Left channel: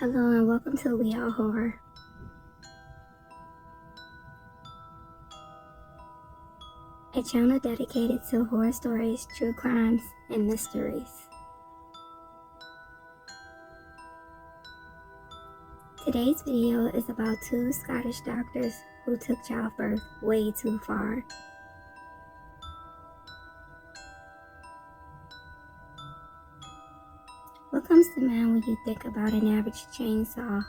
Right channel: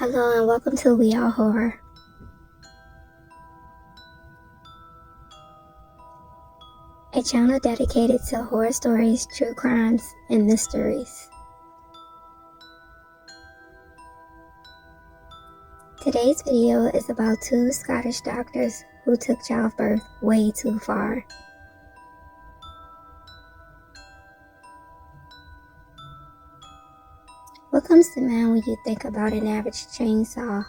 Hello and welcome to We Are Horror. A channel dedicated to horror stories, true crimes, and mysteries. Today's video is about two Scottish doctors who took childbirth way too far. What comes to mind when you think about an average chainsaw?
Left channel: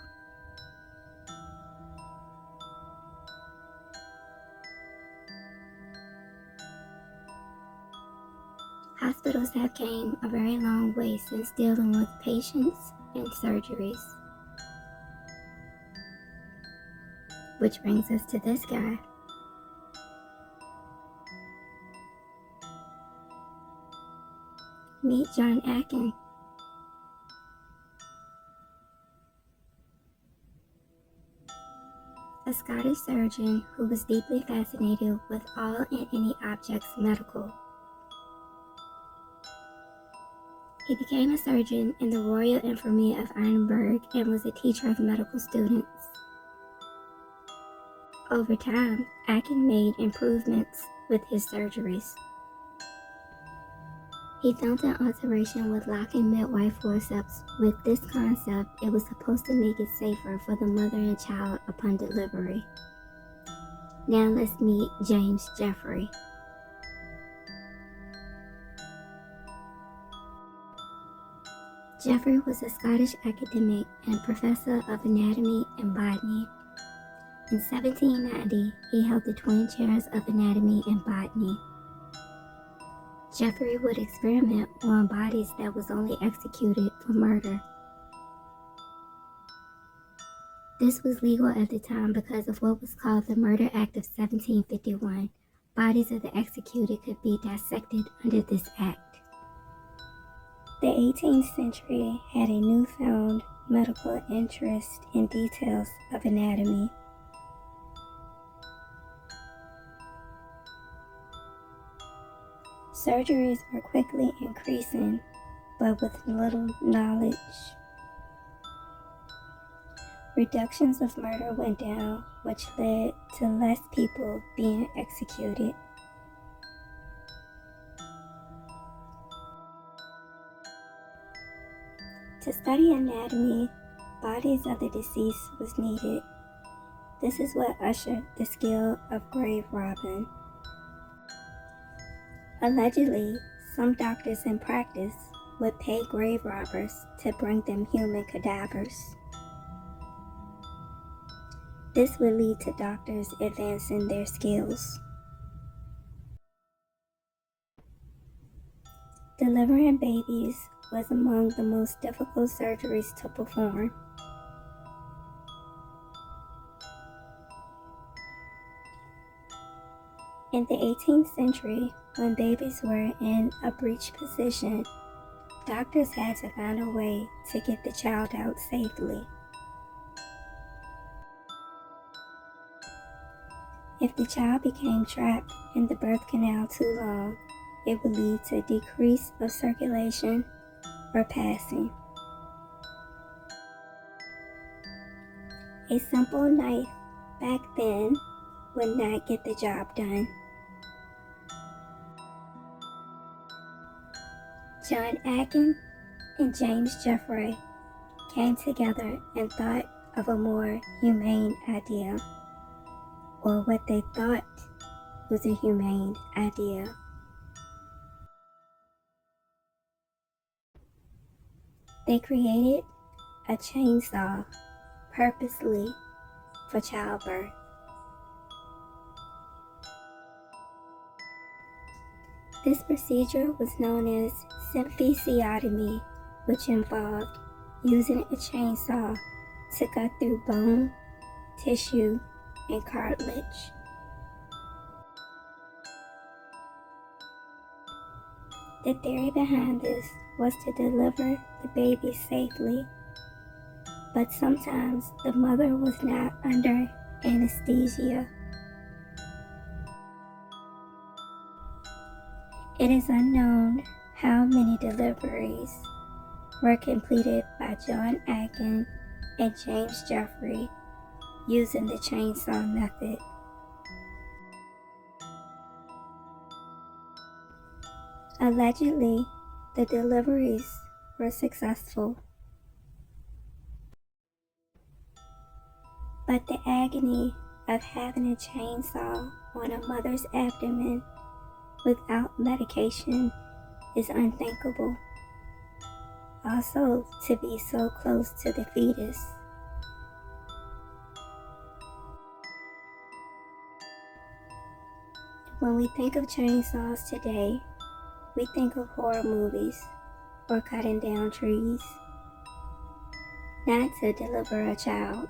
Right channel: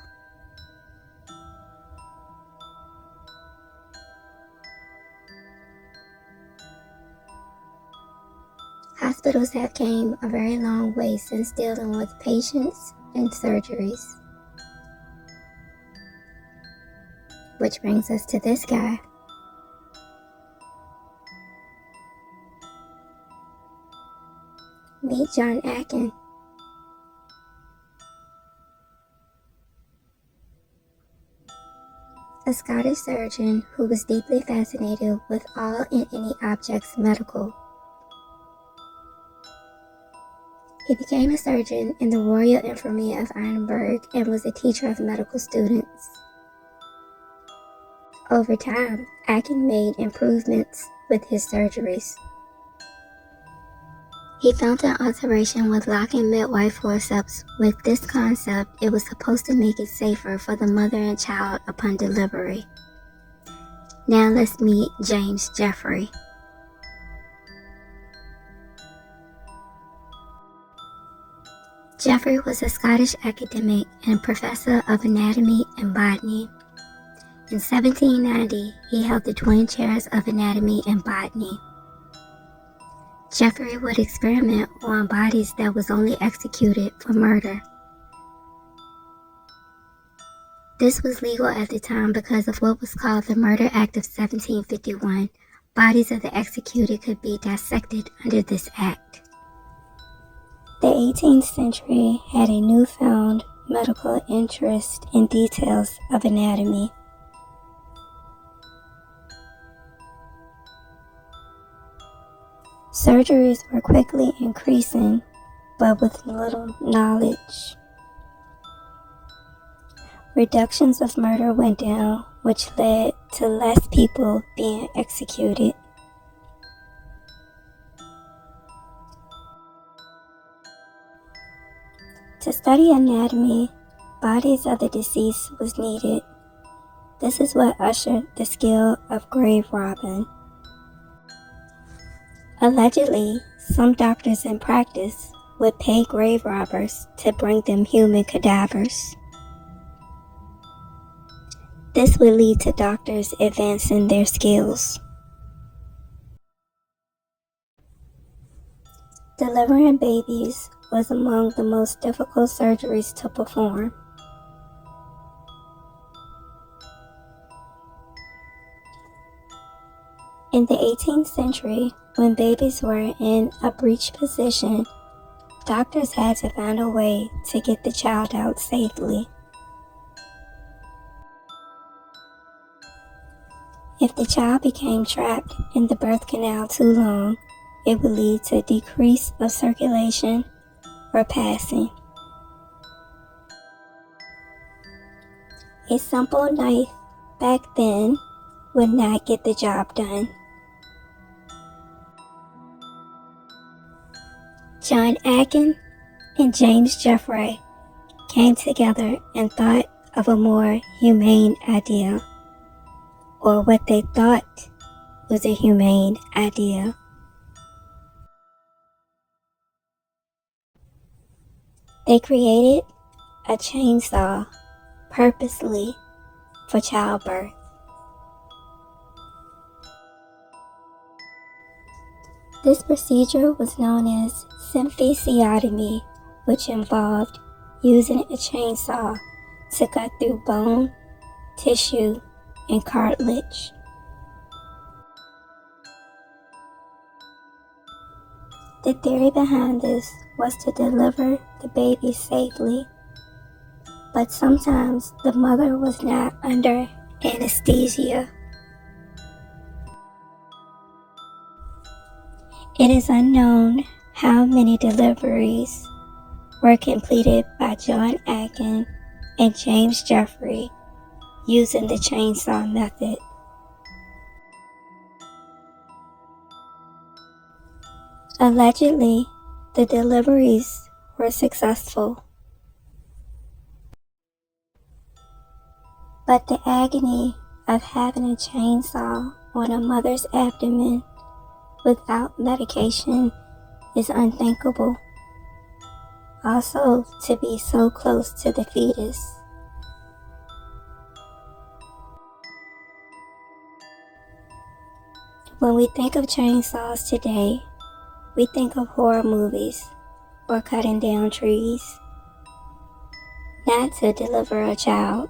Hospitals have came a very long way since dealing with patients and surgeries. Which brings us to this guy. Meet John Atkin. A Scottish surgeon who was deeply fascinated with all and any objects medical. He became a surgeon in the Royal Infirmary of Edinburgh and was a teacher of medical students. Over time, Atkin made improvements with his surgeries. He found an alteration with locking midwife forceps. With this concept, it was supposed to make it safer for the mother and child upon delivery. Now let's meet James Jeffrey. Jeffrey was a Scottish academic and professor of anatomy and botany. In 1790, he held the twin chairs of anatomy and botany. Jeffrey would experiment on bodies that was only executed for murder. This was legal at the time because of what was called the Murder Act of 1751. Bodies of the executed could be dissected under this act. The 18th century had a newfound medical interest in details of anatomy. Surgeries were quickly increasing, but with little knowledge. Reductions of murder went down, which led to less people being executed. To study anatomy, bodies of the deceased was needed. This is what ushered the skill of grave robbing. Allegedly, some doctors in practice would pay grave robbers to bring them human cadavers. This would lead to doctors advancing their skills. Delivering babies was among the most difficult surgeries to perform. In the 18th century, when babies were in a breech position, doctors had to find a way to get the child out safely. If the child became trapped in the birth canal too long, it would lead to decrease of circulation or passing. A simple knife back then would not get the job done. John Atkin and James Jeffrey came together and thought of a more humane idea, or what they thought was a humane idea. They created a chainsaw purposely for childbirth. This procedure was known as symphysiotomy, which involved using a chainsaw to cut through bone, tissue, and cartilage. The theory behind this was to deliver the baby safely, but sometimes the mother was not under anesthesia. It is unknown how many deliveries were completed by John Atkin and James Jeffrey using the chainsaw method. Allegedly, the deliveries were successful, but the agony of having a chainsaw on a mother's abdomen without medication is unthinkable. Also, to be so close to the fetus. When we think of chainsaws today, we think of horror movies or cutting down trees, not to deliver a child.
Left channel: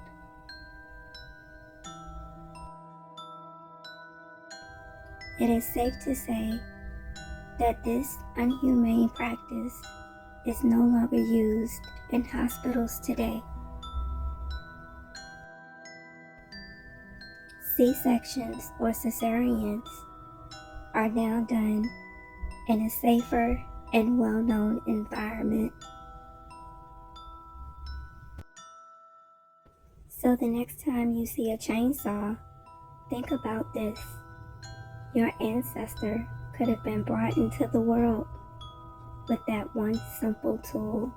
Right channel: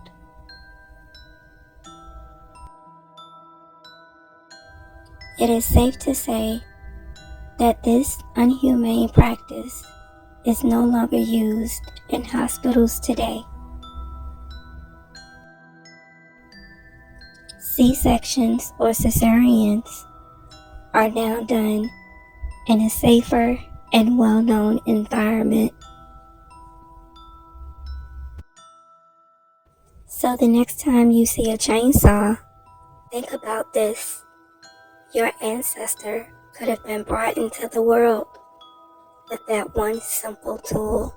It is safe to say that this inhumane practice is no longer used in hospitals today. C-sections or cesareans are now done in a safer and well-known environment. So the next time you see a chainsaw, think about this. Your ancestor could have been brought into the world with that one simple tool.